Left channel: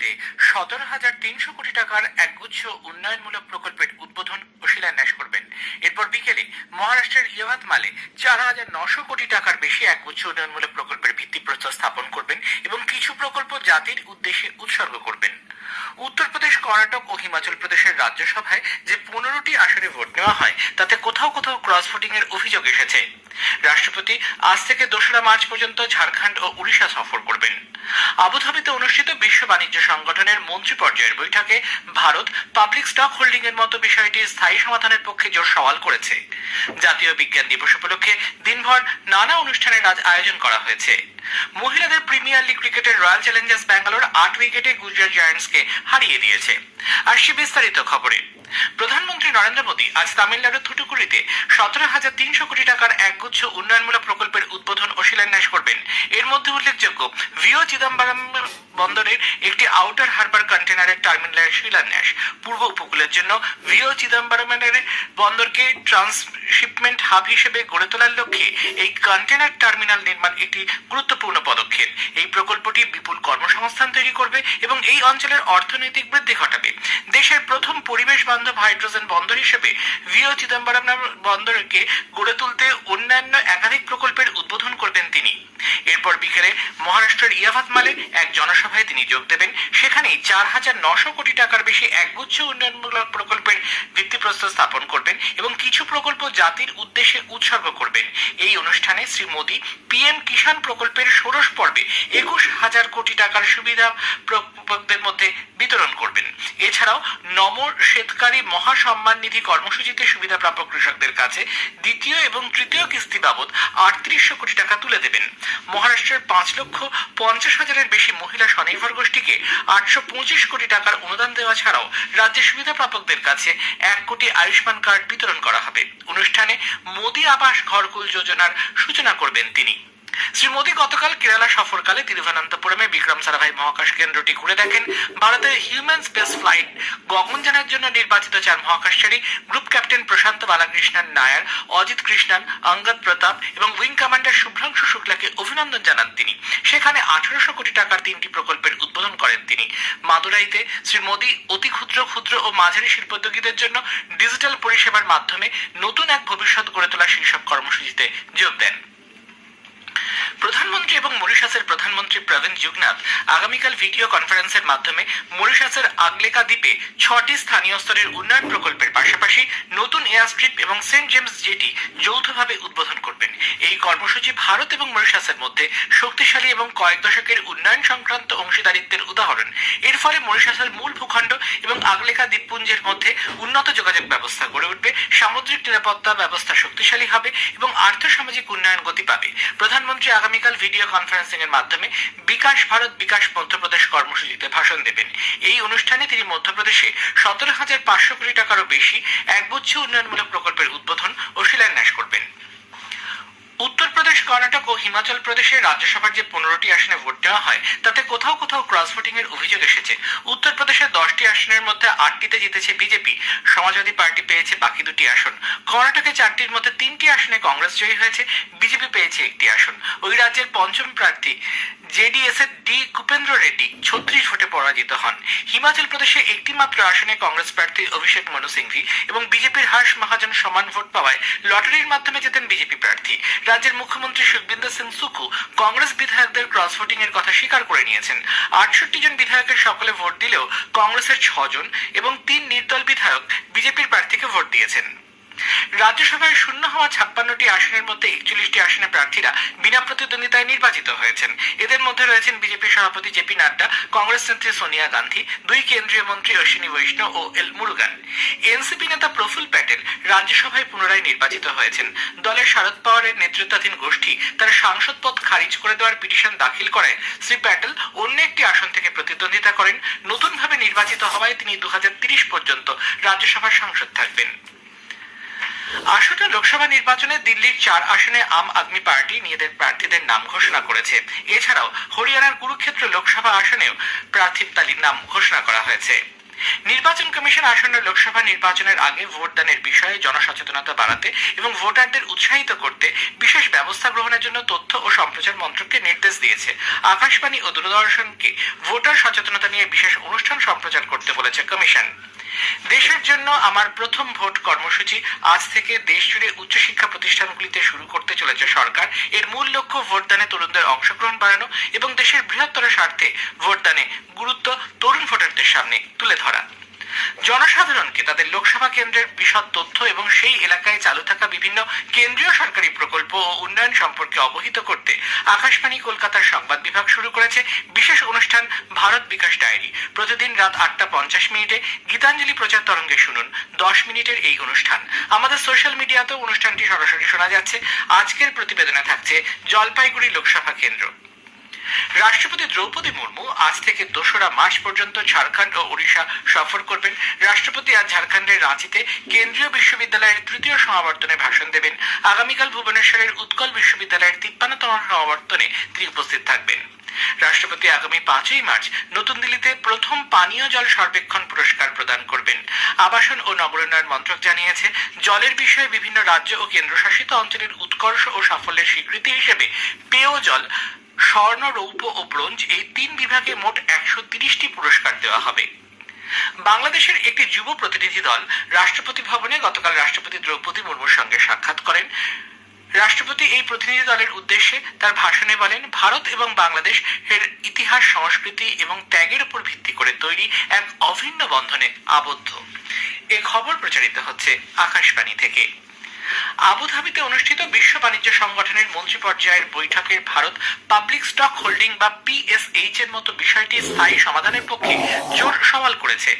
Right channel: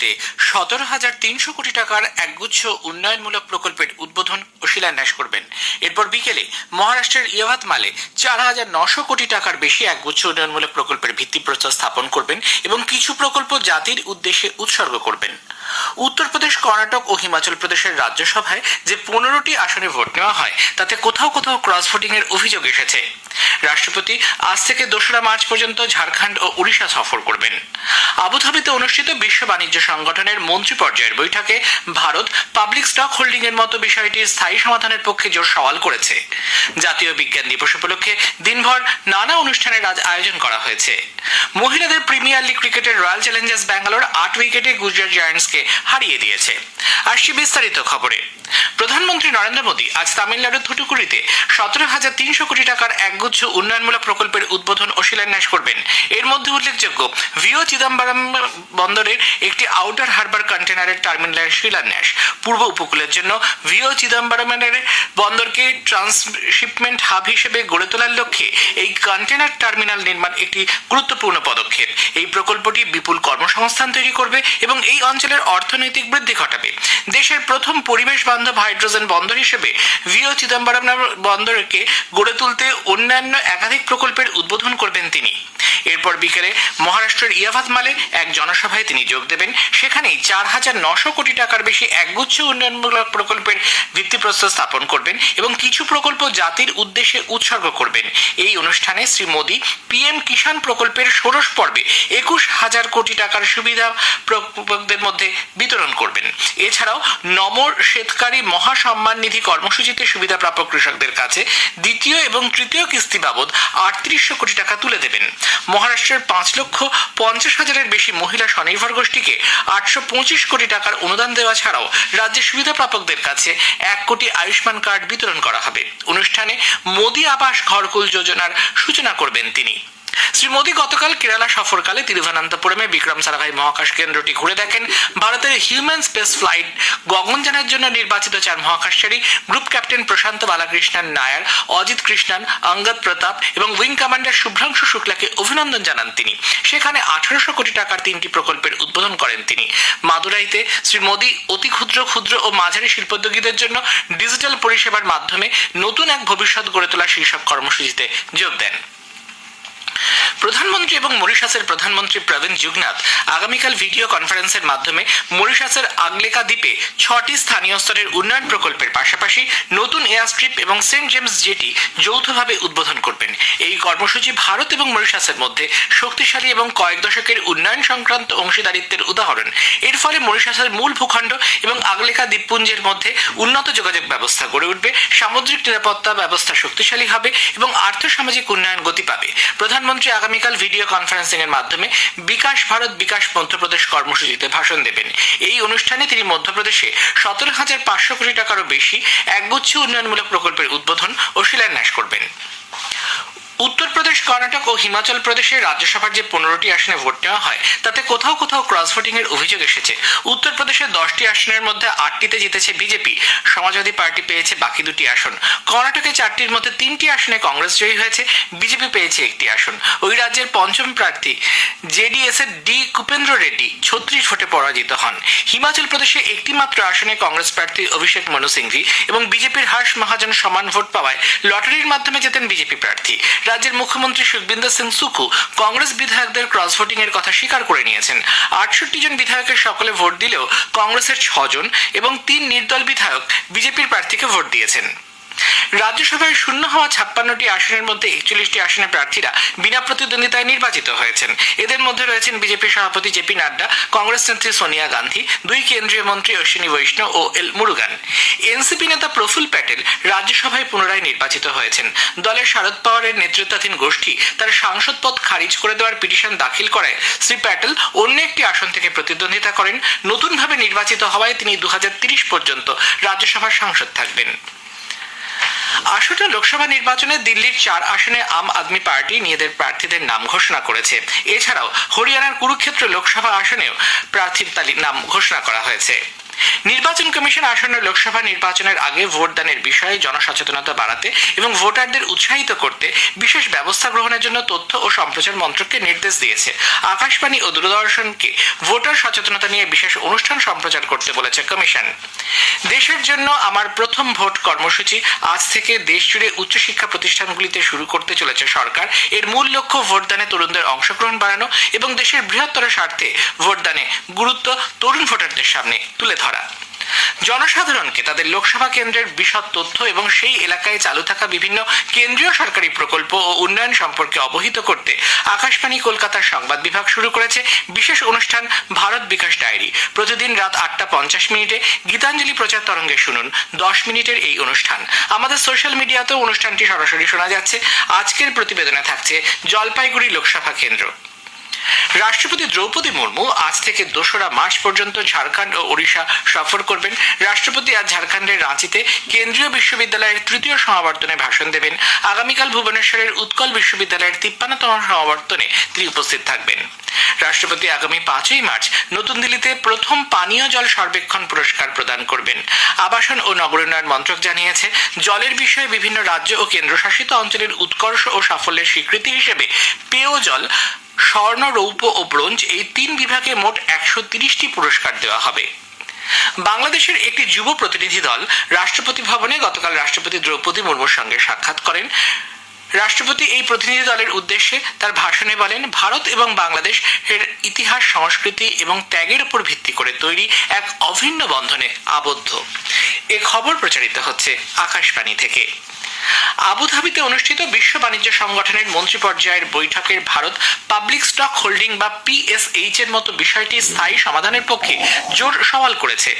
রাজধানীতে 17,300 কোটি টাকার একগুচ্ছ উন্নয়নমূলক প্রকল্পের উদ্বোধন ও শিলান্যাস করবেন। এরপর বিকেলে মহারাষ্ট্রের ইয়াভাতমালে 4,900 কোটি টাকার বেশি একগুচ্ছ উন্নয়নমূলক প্রকল্পের ভিত্তিপ্রস্তর স্থাপন করবেন এবং কিছু প্রকল্প জাতির উদ্দেশ্যে উৎসর্গ করবেন। উত্তরপ্রদেশ, কর্ণাটক ও হিমাচল প্রদেশের রাজ্যসভায় যে 15টি আসনে ভোট নেওয়া হয় তাতে কোথাও কোথাও ক্রস ভোটিং এর অভিযোগ এসেছে। রাষ্ট্রপতি আজ থেকে 2রা মার্চ পর্যন্ত ঝাড়খণ্ড ও উড়িষ্যা সফর করবেন। আবুধাবিতে অনুষ্ঠিত বিশ্ব বাণিজ্য সংগঠনের মন্ত্রী পর্যায়ের বৈঠকে ভারত পাবলিক স্টক হোল্ডিং এর মতো বিষয়টির স্থায়ী সমাধানের পক্ষে জোর সওয়াল করেছে। জাতীয় বিজ্ঞান দিবস উপলক্ষে দিনভর নানা অনুষ্ঠানের আয়োজন করা হয়েছে। মহিলাদের প্রিমিয়ার লিগ ক্রিকেটের রয়্যাল চ্যালেঞ্জার্স ব্যাঙ্গালোর 8 উইকেটে গুজরাট জায়ান্টসকে হারিয়ে দিয়েছে। আসছি বিস্তারিত খবরে। প্রধানমন্ত্রী নরেন্দ্র মোদী আজ তামিলনাড়ুর থুটুকুড়িতে 17,300 কোটি টাকার একগুচ্ছ উন্নয়নমূলক প্রকল্পের উদ্বোধন ও শিলান্যাস করবেন। এর মধ্যে উল্লেখযোগ্য ভিও চিদম্বরম বন্দরের একটি আউটার হারবার কন্টেনারের টার্মিনালের শিলান্যাস। পূর্ব উপকূলের জন্য ভিও চিদম্বরমের বন্দরকে ট্রান্সশিপমেন্ট হাব হিসেবে গড়ে তোলার লক্ষ্যে এই কন্টেনার টার্মিনাল নির্মাণ একটি গুরুত্বপূর্ণ পদক্ষেপ। এই প্রকল্পটি বিপুল কর্মসংস্থান তৈরি করবে এবং এই অঞ্চলের অর্থনৈতিক বৃদ্ধি ঘটাবে। দেশের প্রথম পরিবেশ বান্ধব হাইড্রোজেন বন্দর হিসেবে ভিও চিদম্বরম বন্দরকে গড়ে তুলতে অন্যান্য একাধিক প্রকল্পের উদ্বোধন করবেন তিনি। এরপর বিকেলে মহারাষ্ট্রের ইয়াভাতমালে এক জনসভায় তিনি যোগ দেবেন। সেখানেই 4,900 কোটি টাকার বেশি একগুচ্ছ উন্নয়নমূলক প্রকল্পের ভিত্তিপ্রস্তর স্থাপন করবেন এবং কিছু প্রকল্প জাতির উদ্দেশ্যে উৎসর্গ করবেন। এই অনুষ্ঠানে শ্রী মোদী পিএম কিষাণ প্রকল্পের ষোড়শ পর্বে 21,000 কোটি টাকার সুবিধা প্রকল্পদের মধ্যে বিতরণ করবেন। এছাড়াও নমর শেতকারী মহাসম্মান নিধি কর্মসূচিতে সুবিধাপ্রাপক কৃষকদের কাছে দ্বিতীয় এবং তৃতীয় কিস্তি বাবদ 3,800 কোটি টাকা তুলে দেবেন। মহারাষ্ট্রের 5,50,000-এর বেশি মহিলা স্বনির্ভর গোষ্ঠীকে 825 কোটি টাকার অনুদান দেওয়া ছাড়াও রাজ্যের সুবিধাপ্রাপকদের কাছে 1 কোটি আয়ুষ্মান কার্ড বিতরণ করা হবে। অনুষ্ঠানে মোদী আবাস ঘরকুল যোজনার সূচনা করবেন তিনি। শ্রী মোদী গতকাল কেরালা সফরকালে তিরুভানান্তপুরমে বিক্রম সারাভাই মহাকাশ কেন্দ্রটি ঘুরে দেখেন। ভারতের হিউম্যান স্পেস ফ্লাইট গগনযানের জন্য নির্বাচিত 4 মহাকাশচারী গ্রুপ ক্যাপ্টেন প্রশান্ত বালাকৃষ্ণন নায়ার, অজিত কৃষ্ণন, অঙ্গদ প্রতাপ এবং উইং কমান্ডার শুভ্রাংশু শুক্লাকে অভিনন্দন জানান তিনি। সেখানে 1,800 কোটি টাকার 3টি প্রকল্পের উদ্বোধন করেন তিনি। মাদুরাইতে শ্রী মোদী অতি ক্ষুদ্র ও মাঝারি শিল্পোদ্যোগীদের জন্য ডিজিটাল পরিষেবার মাধ্যমে নতুন এক ভবিষ্যৎ গড়ে তোলা শীর্ষক কর্মসূচিতে যোগ দেন। প্রধানমন্ত্রী এবং মরিশাসের প্রধানমন্ত্রী প্রবীণ যুগনাথ আগামীকাল ভিডিও কনফারেন্সের মাধ্যমে মরিশাসের আগলেকা দ্বীপে 6টি স্থানীয় স্তরের উন্নয়ন প্রকল্পের পাশাপাশি নতুন এয়ারস্ট্রিপ এবং সেন্ট জেমস জেটি যৌথভাবে উদ্বোধন করবেন। এই কর্মসূচি ভারত এবং মরিশাসের মধ্যে শক্তিশালী এবং কয়েক দশকের উন্নয়ন সংক্রান্ত অংশীদারিত্বের উদাহরণ। এর ফলে মরিশাসের মূল ভূখণ্ড এবং আগলেকা দ্বীপপুঞ্জের মধ্যে উন্নত যোগাযোগ ব্যবস্থা গড়ে উঠবে, সামুদ্রিক নিরাপত্তা ব্যবস্থা শক্তিশালী হবে এবং আর্থসামাজিক উন্নয়ন গতি পাবে। প্রধানমন্ত্রী আগামীকাল ভিডিও কনফারেন্সিং এর মাধ্যমে বিকাশ ভারত বিকাশ মধ্যপ্রদেশ কর্মসূচিতে ভাষণ দেবেন। এই অনুষ্ঠানে তিনি মধ্যপ্রদেশে 17,500 কোটি টাকারও বেশি একগুচ্ছ উন্নয়নমূলক প্রকল্পের উদ্বোধন ও শিলান্যাস করবেন। উত্তরপ্রদেশ, কর্ণাটক ও হিমাচল প্রদেশের রাজ্যসভার যে 15টি আসনে ভোট নেওয়া হয় তাতে কোথাও কোথাও ক্রস ভোটিং এর অভিযোগ এসেছে। উত্তরপ্রদেশের 10টি আসনের মধ্যে 8টিতে জিতেছে বিজেপি, সমাজবাদী পার্টি পেয়েছে বাকি 2টি আসন। কর্ণাটকে 4টির মধ্যে 3টি আসনে কংগ্রেস জয়ী হয়েছে, বিজেপি পেয়েছে 1টি আসন। ওই রাজ্যের পঞ্চম প্রার্থী জেডিএস এর ডি কুপেন্দ্র রেড্ডি 36 ভোটে পরাজিত হন। হিমাচল প্রদেশে একটি মাত্র আসনে কংগ্রেস প্রার্থী অভিষেক মনু সিংভি এবং বিজেপির হর্ষ মহাজন সমান ভোট পাওয়ায় লটারির মাধ্যমে জেতেন বিজেপি প্রার্থী। রাজ্যের মুখ্যমন্ত্রী সুখবিন্দর সিং সুখু কংগ্রেস বিধায়কদের ক্রস ভোটিং এর কথা স্বীকার করে নিয়েছেন। 68 জন বিধায়কের সকলে ভোট দিলেও কংগ্রেসের 6 জন এবং 3 নির্দল বিধায়ক বিজেপির প্রার্থীকে ভোট দিয়েছেন। রাজ্যসভায় শূন্য হওয়া 56টি আসনের মধ্যে 41টি আসনে প্রার্থীরা বিনা প্রতিদ্বন্দ্বিতায় নির্বাচিত হয়েছেন। এদের মধ্যে রয়েছেন বিজেপির সভাপতি জেপি নাড্ডা, কংগ্রেস নেত্রী সোনিয়া গান্ধী, 2 কেন্দ্রীয় মন্ত্রী অশ্বিনী বৈষ্ণব ও এল মুরুগান। এনসিপি নেতা প্রফুল্ল প্যাটেল রাজ্যসভায় পুনরায় নির্বাচিত হয়েছেন। দলের শারদ পাওয়ারের নেতৃত্বাধীন গোষ্ঠী তার সাংসদ পদ খারিজ করে দেওয়ার পিটিশন দাখিল করায় শ্রী প্যাটেল অন্য একটি আসন থেকে প্রতিদ্বন্দ্বিতা করেন। নতুনভাবে নির্বাচিত হওয়ায় তিনি 2030 পর্যন্ত রাজ্যসভার সাংসদ থাকবেন। 18 লোকসভা নির্বাচনে দিল্লির 4 আসনে আম আদমি পার্টি নিজেদের প্রার্থীদের নাম ঘোষণা করেছে। এছাড়াও হরিয়ানার কুরুক্ষেত্র লোকসভা আসনেও প্রার্থীর তালিকার নাম ঘোষণা করা হয়েছে। নির্বাচন কমিশন আসন্ন লোকসভা নির্বাচনের আগে ভোটদানের বিষয়ে জনসচেতনতা বাড়াতে এবং ভোটারদের উৎসাহিত করতে বিশেষ ব্যবস্থা গ্রহণের জন্য তথ্য ও সম্প্রচার মন্ত্রককে নির্দেশ দিয়েছে। আকাশবাণী ও দূরদর্শনকে ভোটার সচেতনতা নিয়ে বিশেষ অনুষ্ঠান সম্প্রচার করতে বলেছে কমিশন। দেশের জন্য আমার প্রথম ভোট কর্মসূচি আজ থেকে দেশজুড়ে উচ্চশিক্ষা প্রতিষ্ঠানগুলিতে শুরু করতে চলেছে সরকার। এর মূল লক্ষ্য ভোটদানে তরুণদের অংশগ্রহণ বাড়ানো এবং দেশের বৃহত্তর স্বার্থে ভোটদানে গুরুত্ব তরুণ ভোটারদের সামনে তুলে ধরা। জনসাধারণকে তাদের লোকসভা কেন্দ্রের বিশদ তথ্য এবং সেই এলাকায় চালু থাকা বিভিন্ন কেন্দ্রীয় সরকারি প্রকল্প ও উন্নয়ন সম্পর্কে অবহিত করতে আকাশবাণী কলকাতার সংবাদ বিভাগ শুরু করেছে বিশেষ অনুষ্ঠান ভারত বিকাশ ডায়েরি। প্রতিদিন রাত 8:50 গীতাঞ্জলি প্রচার তরঙ্গে শুনুন 10 মিনিটের এই অনুষ্ঠান। আমাদের সোশ্যাল মিডিয়াতেও অনুষ্ঠানটি সরাসরি শোনা যাচ্ছে। আজকের প্রতিবেদনে থাকছে জলপাইগুড়ি লোকসভা কেন্দ্র। রাষ্ট্রপতি দ্রৌপদী মুর্মু আজ থেকে 2রা মার্চ পর্যন্ত ঝাড়খণ্ড ও ওড়িশা সফর করবেন। রাষ্ট্রপতি আজ ঝাড়খণ্ডের রাঁচিতে কেন্দ্রীয় বিশ্ববিদ্যালয়ের 3য় সমাবর্তনে ভাষণ দেবেন। আগামীকাল ভুবনেশ্বরের উৎকল বিশ্ববিদ্যালয়ের 53তম সমাবর্তনে তিনি উপস্থিত থাকবেন। রাষ্ট্রপতি আগামী 5ই মার্চ নতুন দিল্লিতে প্রথম পানীয় জল সর্বেক্ষণ পুরস্কার প্রদান করবেন। আবাসন ও নগরোন্নয়ন মন্ত্রক জানিয়েছে, জলের বিষয়ে বিভিন্ন রাজ্য ও কেন্দ্রশাসিত অঞ্চলের উৎকর্ষ ও সাফল্যের স্বীকৃতি হিসেবে পেয় জল, স্বর্ণ, রৌপ্য ও ব্রোঞ্জ এই 3 বিভাগে মোট 130টি পুরস্কার দেওয়া হবে। বাংলাদেশের একটি যুব প্রতিনিধি দল রাষ্ট্রপতি ভবনে গতকাল রাষ্ট্রপতি দ্রৌপদী মুর্মুর সঙ্গে সাক্ষাৎ করেন। রাষ্ট্রপতি এই প্রতিনিধি দলের উদ্দেশ্যে তার ভাষণে বলেন, ভারত এবং বাংলাদেশ এর ইতিহাস, সংস্কৃতি এবং ত্যাগের উপর ভিত্তি করে তৈরি এক অভিন্ন বন্ধনে আবদ্ধ। এ খবর প্রচারিত হচ্ছে আকাশবাণী থেকে। আবুধাবিতে অনুষ্ঠিত বিশ্ব বাণিজ্য সংগঠনের মন্ত্রী পর্যায়ের বৈঠকের ভারত পাবলিক স্টক হোল্ডিং বা PSH এর মতো বিষয়টি স্থায়ী সমাধানের পক্ষে জোর সওয়াল করেছে।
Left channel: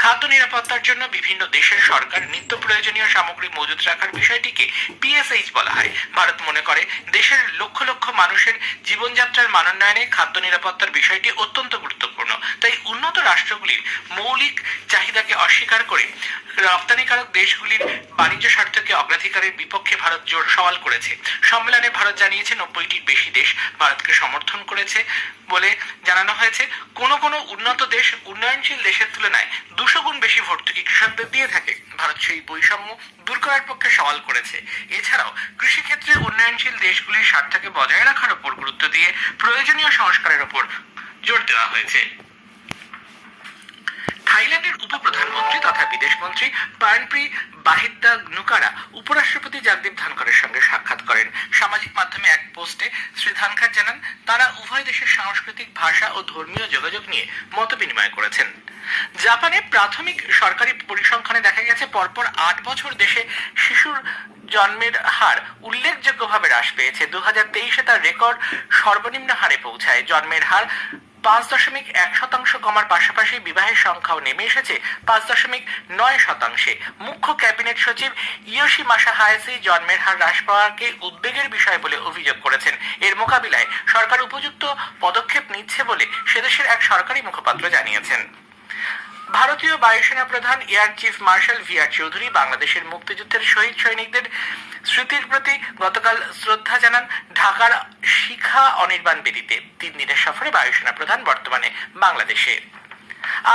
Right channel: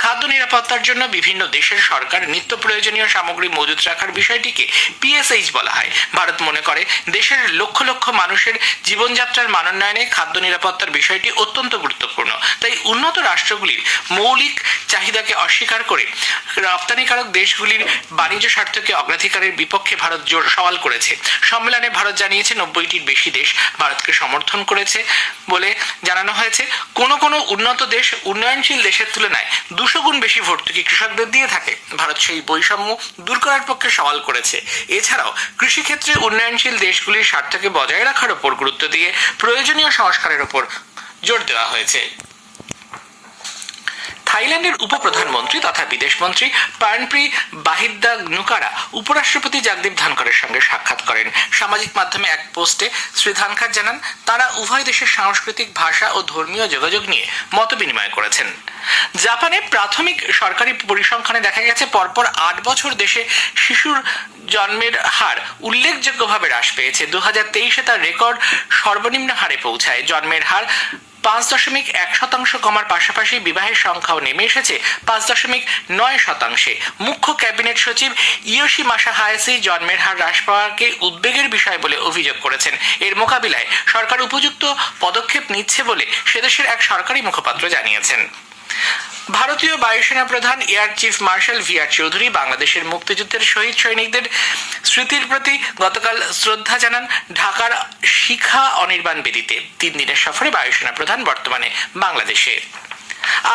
খাদ্য নিরাপত্তার জন্য বিভিন্ন দেশের সরকার নিত্য প্রয়োজনীয় সামগ্রী মজুত রাখার বিষয়টিকে PSH বলা হয়। ভারত মনে করে দেশের লক্ষ লক্ষ মানুষের জীবনযাত্রার মানোন্নয়নে খাদ্য নিরাপত্তার বিষয়টি অত্যন্ত গুরুত্বপূর্ণ। তাই উন্নত রাষ্ট্রগুলির মৌলিক চাহিদাকে অস্বীকার করে রপ্তানিকারক দেশগুলির বাণিজ্য স্বার্থকে অগ্রাধিকারের বিপক্ষে ভারত জোর সওয়াল করেছে। সম্মেলনে ভারত জানিয়েছে 90টির বেশি দেশ ভারতকে সমর্থন করেছে বলে জানানো হয়েছে। কোনো কোনো উন্নত দেশ উন্নয়নশীল দেশের তুলনায় 200 গুণ বেশি ভর্তুকি কৃষকদের দিয়ে থাকে। ভারত সেই বৈষম্য দূর করার পক্ষে সওয়াল করেছে। এছাড়াও কৃষিক্ষেত্রে উন্নয়নশীল দেশগুলির স্বার্থকে বজায় রাখার উপর গুরুত্ব দিয়ে প্রয়োজনীয় সংস্কারের উপর জোর দেওয়া হয়েছে। থাইল্যান্ডের উপপ্রধানমন্ত্রী তথা বিদেশমন্ত্রী পার্নপ্রি বাহিদ্দানুকারা উপরাষ্ট্রপতি জগদীপ ধনখড়ের সঙ্গে সাক্ষাৎ করেন। সামাজিক মাধ্যমে এক পোস্টে শ্রী ধনখড় জানান, তারা উভয় দেশের সাংস্কৃতিক, ভাষা ও ধর্মীয় যোগাযোগ নিয়ে মত বিনিময় করেছেন। জাপানে প্রাথমিক সরকারি পরিসংখ্যানে দেখা গেছে, পরপর 8 বছর দেশে শিশুর জন্মের হার উল্লেখযোগ্যভাবে হ্রাস পেয়েছে। 2023-এ তার রেকর্ড সর্বনিম্ন হারে পৌঁছায়। জন্মের হার 5.1% কমার পাশাপাশি বিবাহের সংখ্যাও নেমে এসেছে 5.9%। মুখ্য ক্যাবিনেট সচিব ইয়োশিমাসা হায়াসি জন্মের হার হ্রাস পাওয়াকে উদ্বেগের বিষয় বলে অভিযোগ করেছেন। এর মোকাবিলায় সরকার উপযুক্ত পদক্ষেপ নিচ্ছে বলে সেদেশের এক সরকারি মুখপাত্র জানিয়েছেন। ভারতীয় বায়ুসেনা প্রধান air chief marshal VR Chowdhury বাংলাদেশের মুক্তিযুদ্ধের শহীদ সৈনিকদের স্মৃতির প্রতি গতকাল শ্রদ্ধা জানান ঢাকার শিখা অনির্বাণ বেদিতে। 3 দিনের সফরে বায়ুসেনা প্রধান বর্তমানে বাংলাদেশে।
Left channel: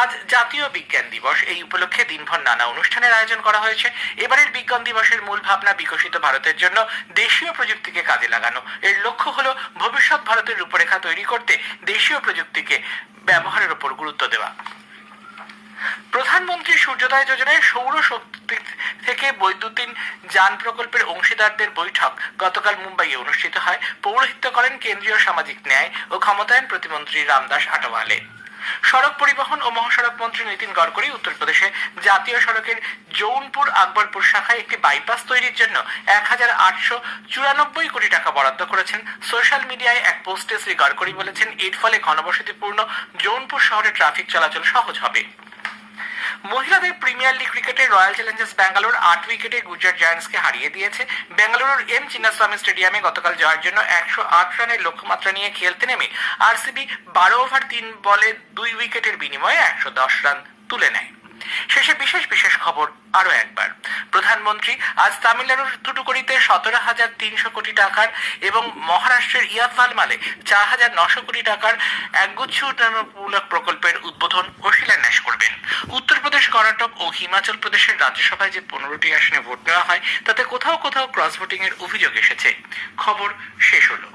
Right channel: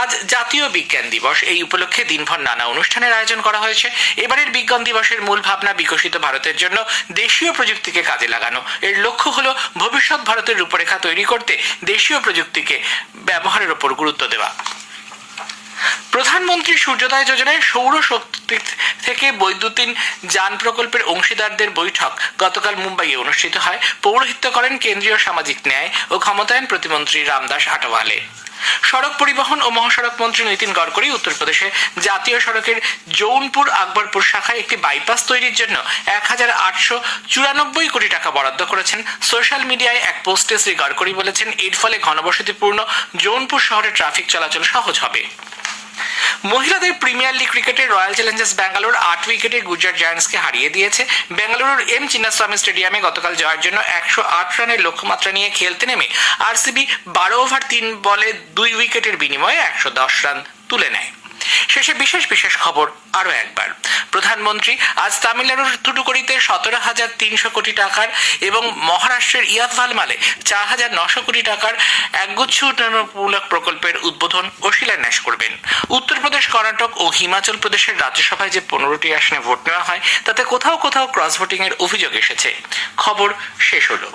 আজ জাতীয় বিজ্ঞান দিবস। এই উপলক্ষে দিনভর নানা অনুষ্ঠানের আয়োজন করা হয়েছে। এবারের বিজ্ঞান দিবসের মূল ভাবনা বিকশিত ভারতের জন্য দেশীয় প্রযুক্তিকে কাজে লাগানো। এর লক্ষ্য হলো ভবিষ্যৎ ভারতের রূপরেখা তৈরি করতে দেশীয় প্রযুক্তিকে ব্যবহারের উপর গুরুত্ব দেওয়া। প্রধানমন্ত্রী সূর্যোদয় যোজনায় সৌর শক্তি থেকে বৈদ্যুতিন যান প্রকল্পের অংশীদারদের বৈঠক গতকাল মুম্বাইয়ে অনুষ্ঠিত হয়। পৌরোহিত্য করেন কেন্দ্রীয় সামাজিক ন্যায় ও ক্ষমতায়ন প্রতিমন্ত্রী রামদাস আঠাওয়ালে। সড়ক পরিবহন ও মহাসড়ক মন্ত্রী নীতিন গডকরি উত্তরপ্রদেশে জাতীয় সড়কের জৌনপুর আকবরপুর শাখায় একটি বাইপাস তৈরির জন্য 1894 কোটি টাকা বরাদ্দ করেছেন। সোশ্যাল মিডিয়ায় এক পোস্টে শ্রী গডকরি বলেছেন, এর ফলে ঘনবসতিপূর্ণ জৌনপুর শহরে ট্রাফিক চলাচল সহজ হবে। মহিলাদের প্রিমিয়ার লিগ ক্রিকেটে রয়্যাল চ্যালেঞ্জার্স ব্যাঙ্গালোর 8 উইকেটে গুজরাট জায়ান্টসকে হারিয়ে দিয়েছে। বেঙ্গালুরুর চিন্নাস্বামী স্টেডিয়ামে গতকাল জয়ের জন্য 108 রানের লক্ষ্যমাত্রা নিয়ে খেলতে নেমে RCB 12 ওভার 3 বলে 2 উইকেটের বিনিময়ে 110 রান তুলে নেয়। শেষে বিশেষ বিশেষ খবর আরো একবার। প্রধানমন্ত্রী আজ তামিলনাড়ুর থুটুকুড়িতে 17,300 কোটি টাকার এবং মহারাষ্ট্রের ইয়াতভালমালে 4,900 কোটি টাকার একগুচ্ছ উন্নয়নমূলক প্রকল্পের উদ্বোধন ও শিলান্যাস করবেন। উত্তরপ্রদেশ, কর্ণাটক ও হিমাচল প্রদেশের রাজ্যসভায় যে 15টি আসনে ভোট নেওয়া হয় তাতে কোথাও কোথাও ক্রস ভোটিং এর অভিযোগ এসেছে। খবর শেষ হলো।